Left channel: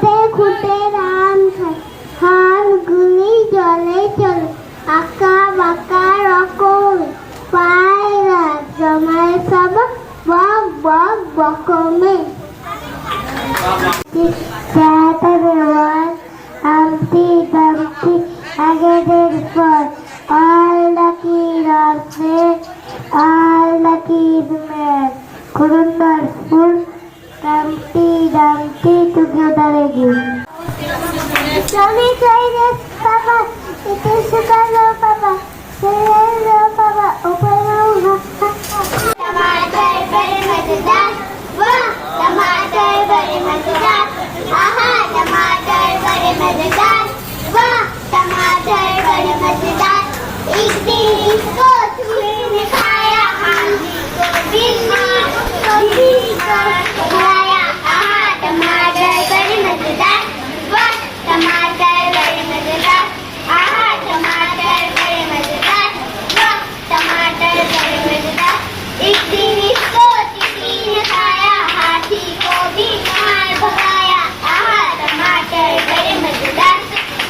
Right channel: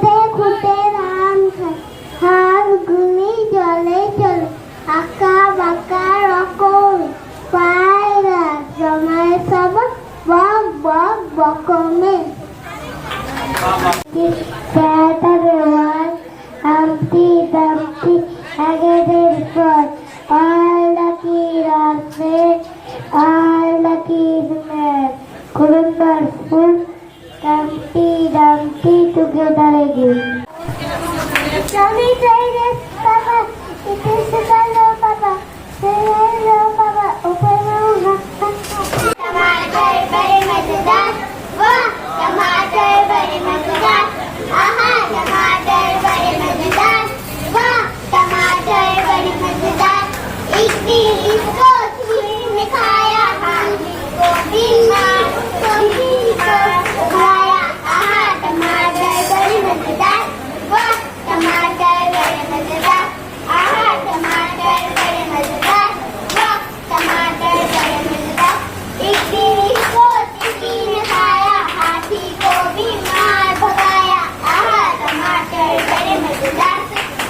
খুঁটে খুঁটে রাম খায়, হাড়গুলি জলে চলে, আঁকা বাঁকা রকম, পায়রা জমায় সব বক বক বকমে। হামটি দামটি আগেদের পর, all the kid are fed, all the kid mad, wonderful, Humpty Dumpty together again. Johnny cried, Papa, it is hello, Papa, hello, Papa, open your mouth. Tomato very much done, wow, tomato very much done, aha, tomato very much done, wow, tomato very much done. एक दिन इसको चूल्हे में खाया, हांडी को बिना चूल्हे पर खाया, आहा टमाटर बड़े मजेदार, वाह टमाटर बड़े मजेदार, आहा टमाटर बड़े मजेदार, वाह टमाटर बड़े मजेदार। एक दिन इसको चूल्हे में खाया, हाथी को भी मार भगाया, आहा टमाटर बड़े मजेदार,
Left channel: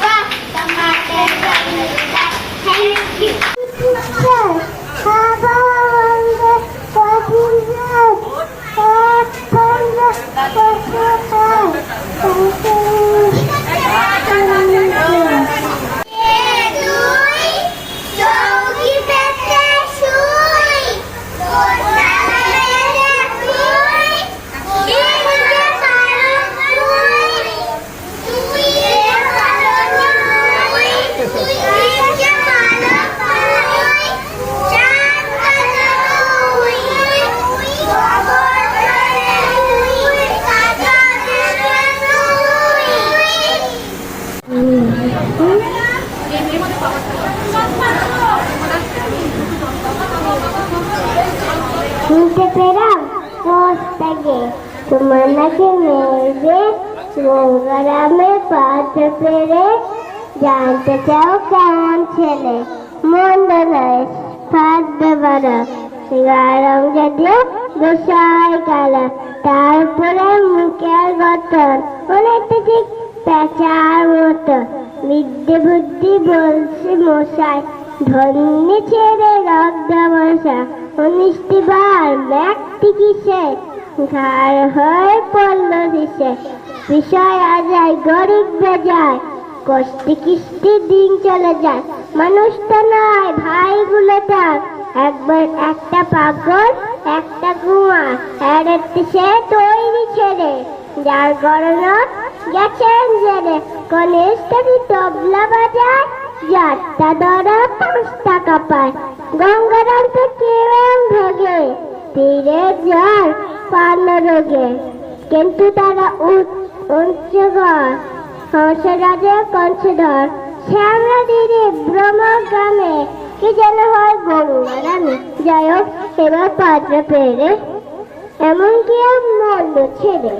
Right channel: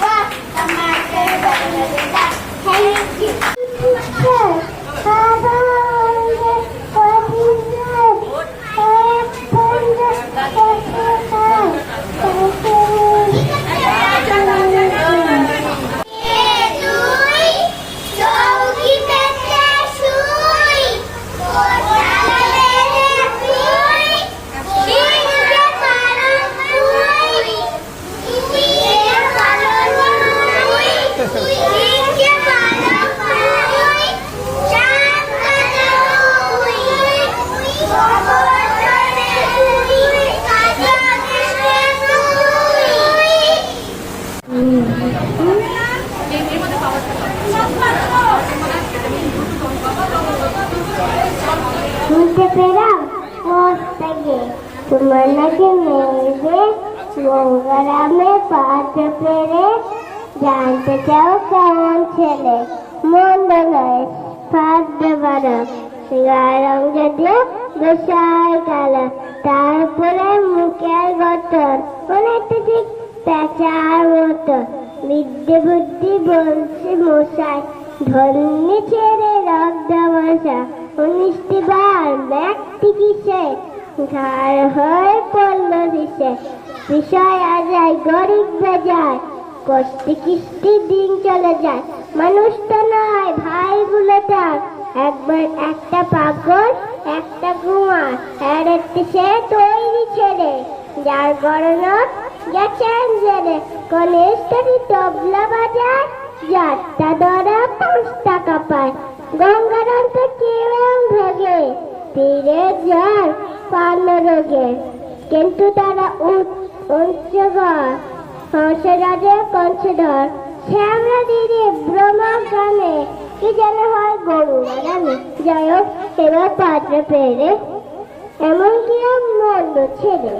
वाह टमाटर बड़े मजेदार। Thank you. শুনতে পেলাম পোস্টে তোমার নাকি মেয়েদের গঙ্গারামে পাতে পেরে জানতে চাও কেমন ছেলে, মন্দ নয় ফাঁদতে পারো, গারম যদিও দোষায় কালা, তারপরে মুখের গঠন অনেকটা ঠিক পেঁচার মতো, বিদ্যে বুদ্ধি বলছি মশাই, ধন্যি ছেড়ে রক্ত বসা, 19টি বার ব্যক্তি কিসে ঘাড় হয়ে পড়ল দিশে, বিষয় আজায় গরিব বেজায়, কষ্টি কিস্তি দিন চলে যায়, মানুষ তো নয় ভাইগুলো তার, একবার একটা পাগল একটা কুমার, এড়াতে সে তৈরি ছেড়ে, যার গরনত গেছেন জেলে, কলেজটাকে তবলা বাজায়, যারটা ধরা 5 টাকা পায়, গঙ্গারাম তো কেমন ভোগে, ফিরে যার পান রোগে, কিন্তু তারা উচ্চগর হংসরাজের কংসধর, শ্যামলা দিদি ব্রহ্মা গ্রামে কি যেন হয় গঙ্গারামে, যাই হোক এবার পাত্র পেরে এমন কি মন্দ ছেড়ে।